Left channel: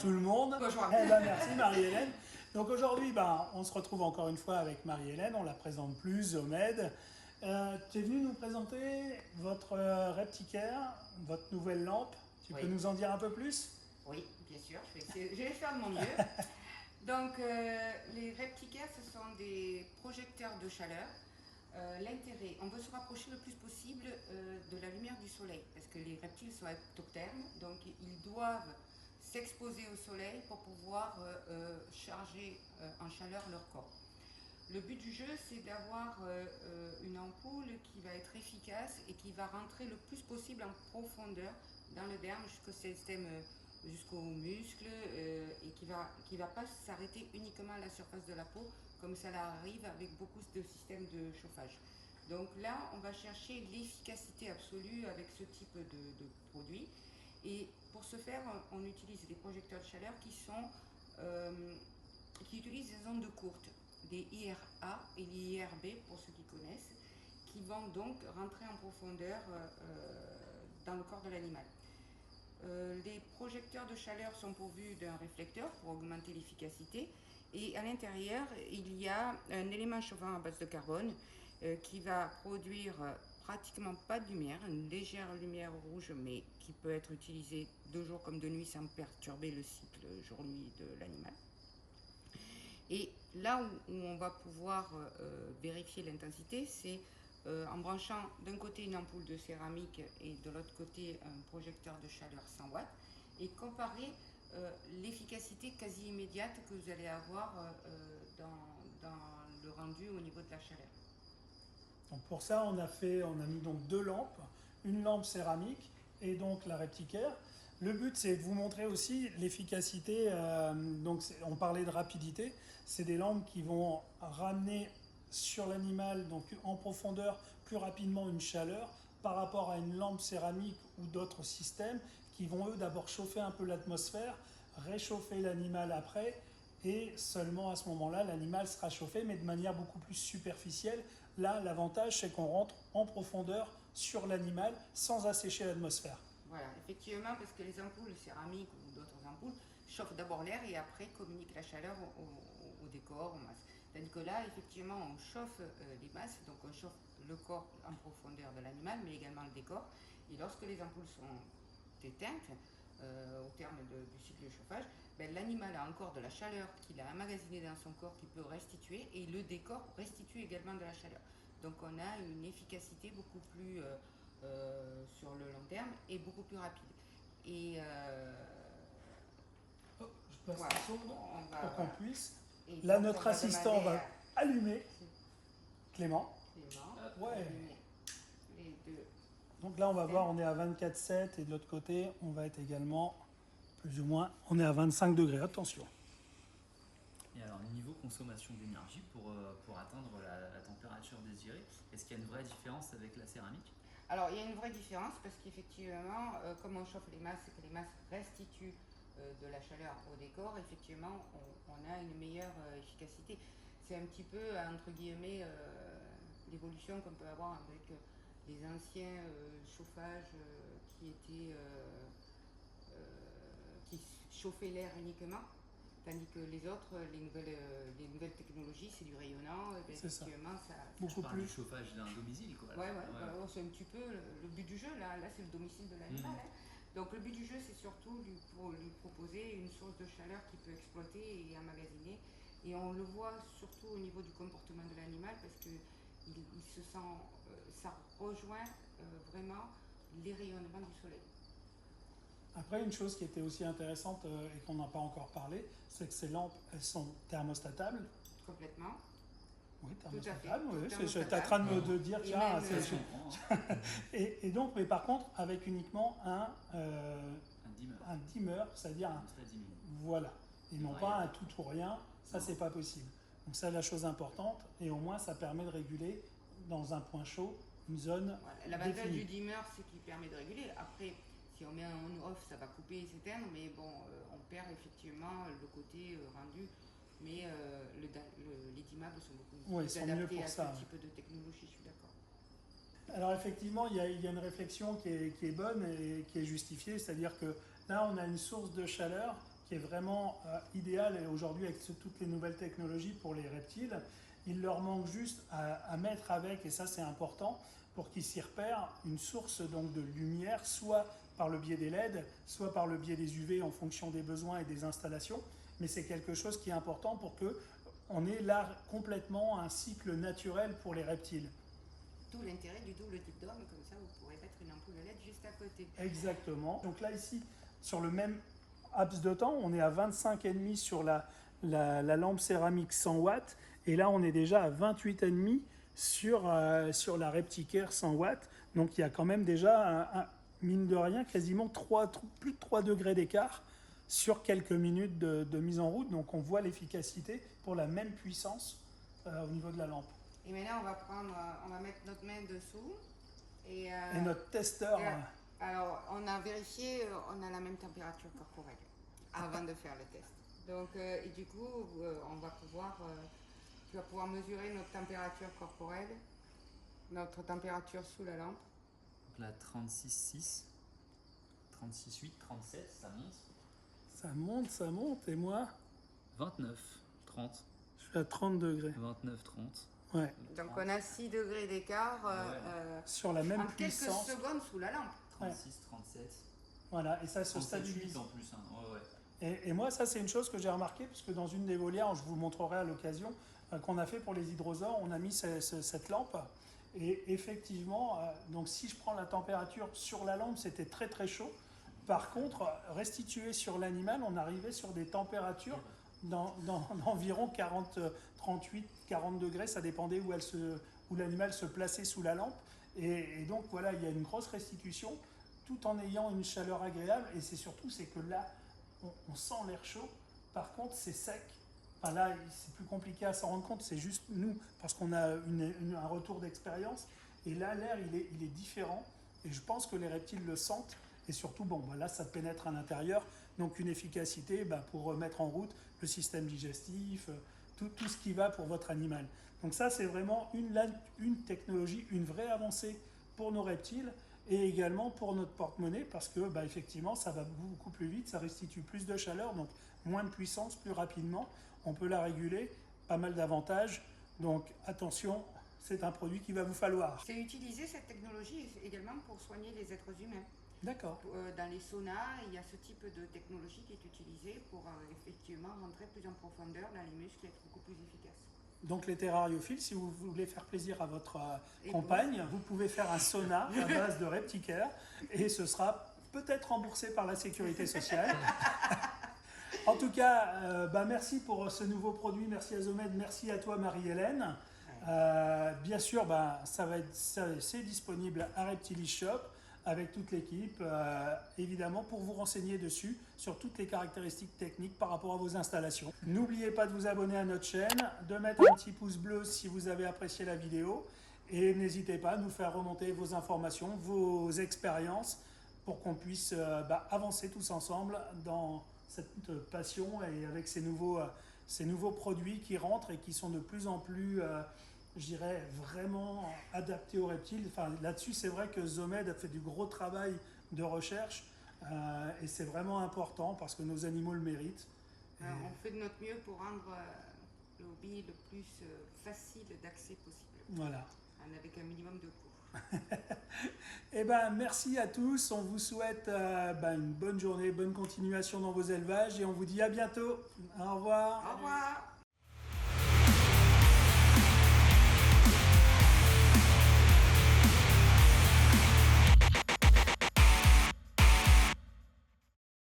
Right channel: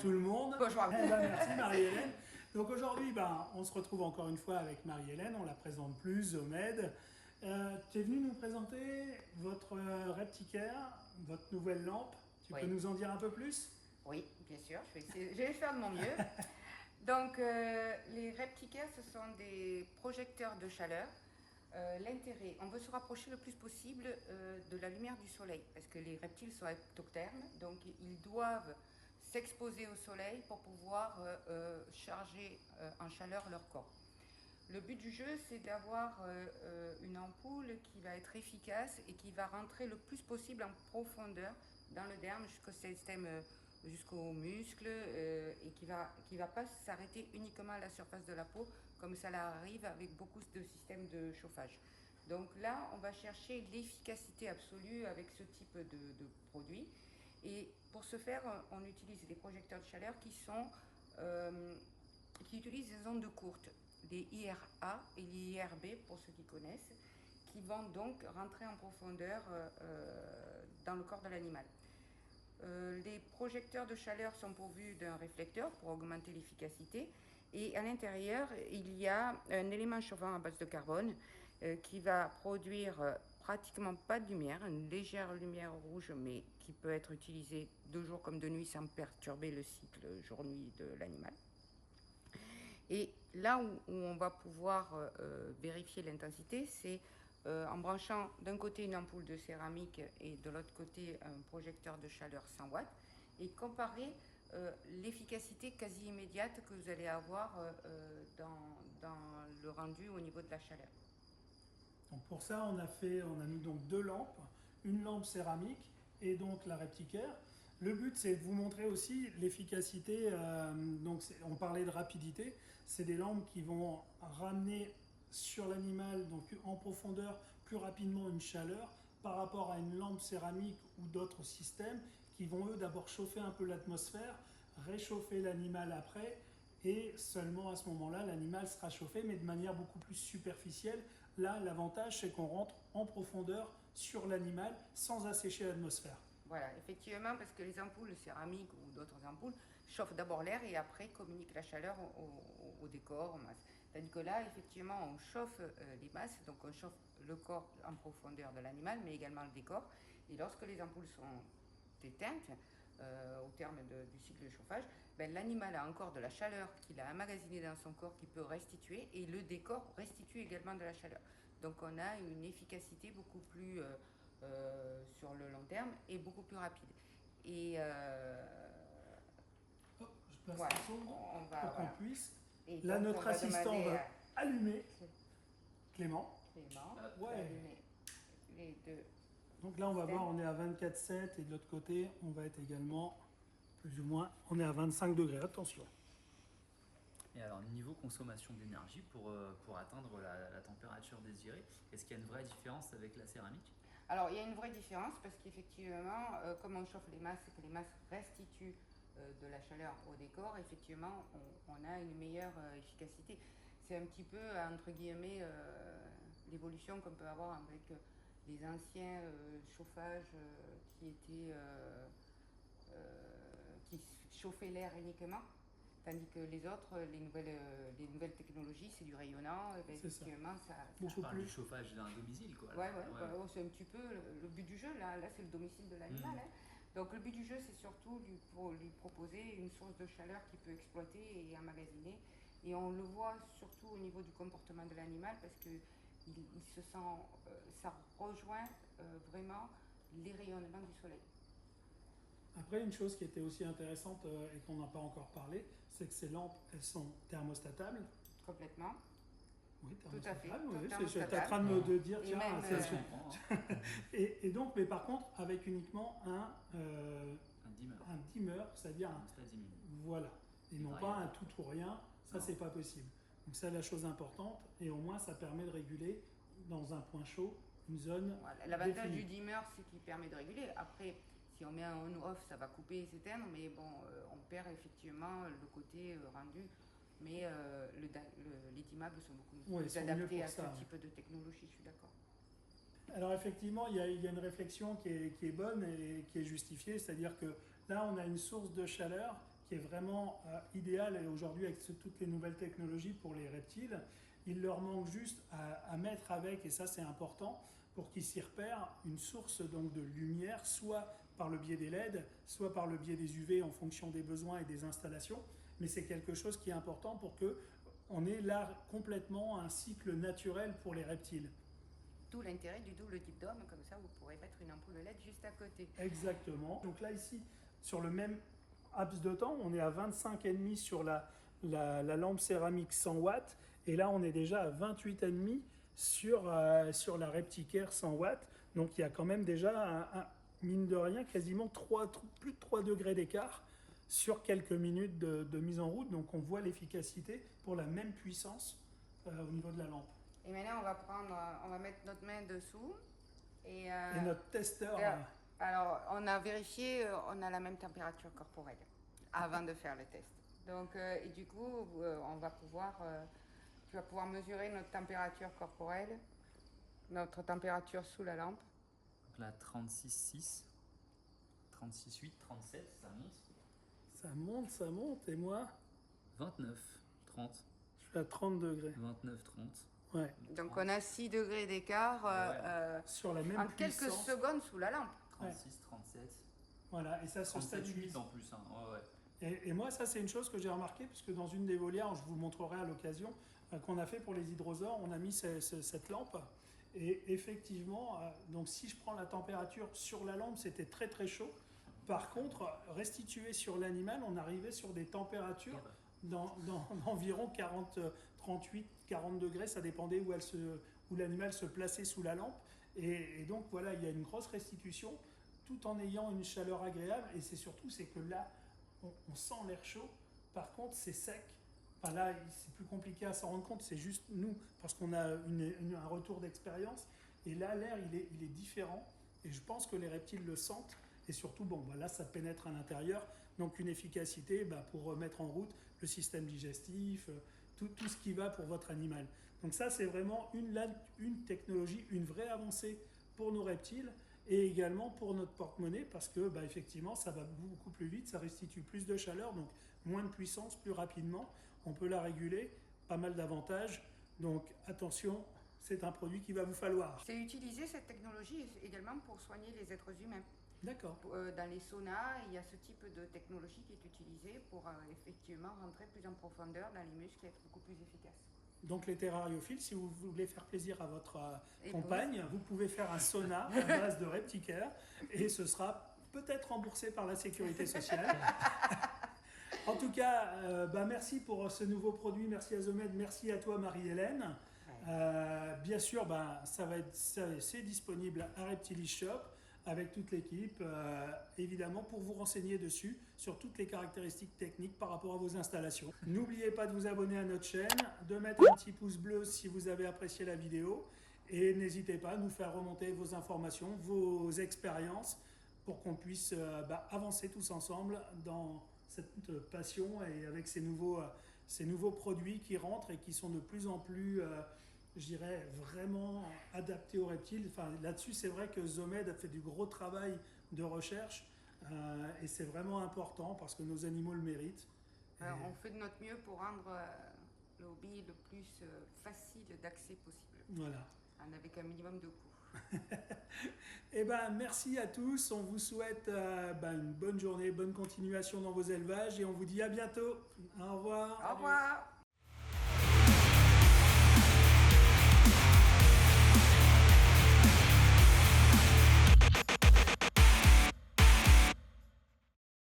tout le monde. Bonjour. Merci Marie-Hélène. Donc aujourd'hui, on se retrouve encore une fois avec Marie-Hélène, on la présente plus, Zomed. Tu es venue nous présenter votre Repticare, votre nouvelle lampe. Tu peux nous en dire un peu plus? Oui, bien sûr, je vais faire de mon mieux. Donc les Repticares, ce sont des projecteurs de chaleur. L'intérêt, on veut se rapprocher le plus possible de la lumière du soleil, parce que les reptiles sont ectothermes, donc ils doivent s'exposer au soleil pour pouvoir charger en chaleur leur corps. Le but du jeu, c'est d'avoir une ampoule qui va être efficace et qui va rentrer le plus possible en profondeur dans le derme jusqu'au système, jusqu'aux muscles et qui va pas s'arrêter uniquement à la surface de la peau comme ça arrive avec beaucoup de systèmes de chauffage. Donc là, on va chercher l'efficacité absolue avec ce type de produit. Et pour ce faire, on utilise des projecteurs de chaleur qui utilisent des ondes courtes, les IRA et les IRB pour ceux qui connaissent, qui vont donc rentrer en profondeur dans le corps de l'animal. Les projecteurs de chaleur sont pourvus d'un réflecteur pour augmenter l'efficacité et à l'intérieur il y a un élément chauffant à base de carbone qui va produire pratiquement pas de lumière, une légère lumière rouge mais qui peut être utilisée de jour comme de nuit sans perturber le cycle jour-nuit de l'animal. Et là où on va pouvoir vérifier l'intensité, c'est en branchant d'un côté une ampoule de céramique et de l'autre côté un projecteur de chaleur 100 watts et comparer l'efficacité quasi immédiate que vous allez avoir dans le rendu au niveau de la chaleur. Donc pour ça, on a mis donc deux lampes, une lampe céramique et donc la Repticare. Le but, c'est de vous montrer aussi l'efficacité. Donc on parlait de rapidité. C'est des lampes qui vont ramener sur l'animal, donc en profondeur, plus rapidement une chaleur par rapport à une lampe céramique ou d'autres systèmes qui vont eux d'abord chauffer un peu l'atmosphère, réchauffer l'animal après, et seulement à ce moment-là, l'animal sera chauffé, mais de manière beaucoup plus superficielle. Là, l'avantage, c'est qu'on rentre en profondeur sur l'animal sans assécher l'atmosphère. Voilà, effectivement, parce que les ampoules céramiques ou d'autres ampoules chauffent d'abord l'air et après communiquent la chaleur au décor, aux masses. Tandis que là, effectivement, on chauffe les masses, donc on chauffe le corps en profondeur de l'animal, mais également le décor. Et lorsque les ampoules sont éteintes, au terme du cycle de chauffage, l'animal a encore de la chaleur qu'il a emmagasinée dans son corps qu'il peut restituer et le décor restitue également de la chaleur. Donc on a une efficacité beaucoup plus sur le long terme et beaucoup plus rapide. Et je passe voilà, le son pour qu'on puisse. Et Là, donc, notre assistant va allumer. Clément. Ouais. Les deux. Donc là, on va voir, on est à 24,7 et de l'autre côté, on va être également plus ou moins, on est à 25 degrés. Attention. Et alors, niveau consommation d'énergie pour atteindre la température désirée, est-ce qu'il y a une vraie différence avec la céramique? Alors, il y a une vraie différence parce qu'effectivement, comme on chauffe les masses et que les masses restituent de la chaleur au décor, effectivement, on a une meilleure efficacité. C'est un petit peu, entre guillemets, l'évolution qu'on peut avoir avec les anciens chauffages qui chauffaient l'air uniquement. Tandis que les autres, les nouvelles technologies, c'est du rayonnant. Effectivement, ça beaucoup plus du chauffage d'un domicile, quoi. Ouais. C'est un petit peu le but du jeu. Là c'est le domicile de l'animal. Donc le but du jeu, c'est surtout lui proposer une source de chaleur qu'il peut exploiter et emmagasiner. Et on le voit surtout au niveau du comportement de l'animal parce que il se sent, ça rejoint vraiment les rayonnements du soleil. Après, une chose qui était aussi intéressante et qu'on n'a pas encore parlé, c'est que ces lampes, elles sont thermostatables. Complètement. Oui, thermostatables. Oui, j'étais en train de dire, tiens, et donc, mais par contre, avec uniquement un dimmer, c'est-à-dire voilà, et non pas un tout ou rien, ça c'est pas possible. Donc ça, la chose importante, et au moins ça permet de réguler dans un point chaud une zone. Voilà. L'avantage du dimmer, c'est qu'il permet de réguler. Après, si on met un on-off, ça va couper et s'éteindre, mais bon, on perd effectivement le côté rendu. Mais les dimmables sont beaucoup plus adaptés à ce type de technologie, je suis d'accord. Alors effectivement, il y a une réflexion qui est bonne et qui est justifiée, c'est-à-dire que là, on a une source de chaleur qui est vraiment idéal aujourd'hui avec toutes les nouvelles technologies pour les reptiles. Il leur manque juste à mettre avec, et ça c'est important, pour qu'ils s'y repèrent, une source donc de lumière, soit par le biais des LED, soit par le biais des UV en fonction des besoins et des installations. Mais c'est quelque chose qui est important pour qu'on ait là complètement un cycle naturel pour les reptiles. Tout l'intérêt du double tube d'homme, comme ça vous pourrez mettre une ampoule LED juste à côté. Exactement. Donc là ici, sur le même laps de temps, on est à 25,5 sur la lampe céramique 100 watts, et là on est déjà à 28,5 sur la Repticare 100 watts. Donc il y a quand même déjà, mine de rien, quasiment plus de 3 degrés d'écart sur quelques minutes de mise en route. Donc on voit l'efficacité pour la même puissance au niveau de la lampe. Et maintenant on va mettre notre main dessous. Et notre testeur... alors on a vérifié, on a la même température corporelle avant de faire le test. Donc, et du coup, tu vas pouvoir mesurer notre température corporelle, notre température sous la lampe. Donc là, 36,6, 36,8, 37, ça monte. Ça monte, et moi 29, 30. Je suis à 30 degrés. 29, 30. Ouais. Donc on a 6 degrés d'écart sur la même en puissance. Quelques secondes sous la lampe. 36, 37. Voilà, et ça se 37, stabilise. 8 en plus. Hein. Ouais. Et moi, ça, c'est une chose que j'ai remarqué, puisque dans une des volières, je vous montrerai à l'occasion, qu'on a fait pour les hydrosaures, on a mis cette lampe. Et effectivement, donc si je prends la température sur la lampe, c'était très très chaud. Par contre, restitué sur l'animal, on arrivait sur des températures d'environ 38, 40 degrés, ça dépendait où l'animal se plaçait sous la lampe. Et donc voilà, il y a une grosse restitution, tout en ayant une chaleur agréable. Et c'est que là, on sent l'air chaud. Par contre, c'est sec. Enfin là, c'est plus compliqué à s'en rendre compte. C'est juste nous, parce qu'on a un retour d'expérience. Et là, l'air, il est différent. Et je pense que les reptiles le sentent. Et surtout, bon, là, ça pénètre à l'intérieur. Donc, une efficacité pour mettre en route le système digestif, tout ce qui va pour votre animal. Donc ça, c'est vraiment une technologie, une vraie avancée pour nos reptiles et également pour notre porte-monnaie, parce que effectivement, ça va beaucoup plus vite, ça restitue plus de chaleur, donc moins de puissance, plus rapidement. On peut la réguler, pas mal d'avantages. Donc attention, c'est un produit qu'il va vous falloir. C'est utiliser cette technologie également pour soigner les êtres humains. D'accord. Dans les saunas, il y a ce type de technologie qui est utilisée pour effectivement rentrer plus en profondeur dans les muscles et être beaucoup plus efficace. Donc les terrariophiles, si vous voulez faire plaisir à votre compagne, vous pouvez faire un sauna à base de Repticare et ce sera peut-être remboursé par la sécurité sociale. En tout cas, merci pour ce nouveau produit, merci à Zomed, merci à toi Marie-Hélène. Bien sûr, c'est disponible à Reptilis Shop avec toute l'équipe, évidemment, pour vous renseigner dessus, sur toutes les caractéristiques techniques par rapport à vos installations. N'oubliez pas de vous abonner à notre chaîne, de mettre un petit pouce bleu si vous avez apprécié la vidéo, et n'hésitez pas à nous faire remonter vos informations, vos expériences, pour qu'on puisse avancer tous ensemble dans cette passion et avec ces nouveaux produits qui rentrent et qui sont de plus en plus... je dirais vraiment adapté aux reptiles. Enfin, là-dessus, c'est vrai que Zomed a fait du gros travail de recherche et c'est vraiment important parce que nos animaux le méritent. On fait de notre mieux pour rendre le hobby le plus facile d'accès possible. Voilà. Avec un minimum de coûts. Eh merci à tous. On vous souhaite une bonne journée, bonne continuation dans vos élevages et on vous dit à bientôt. Au revoir. Au revoir.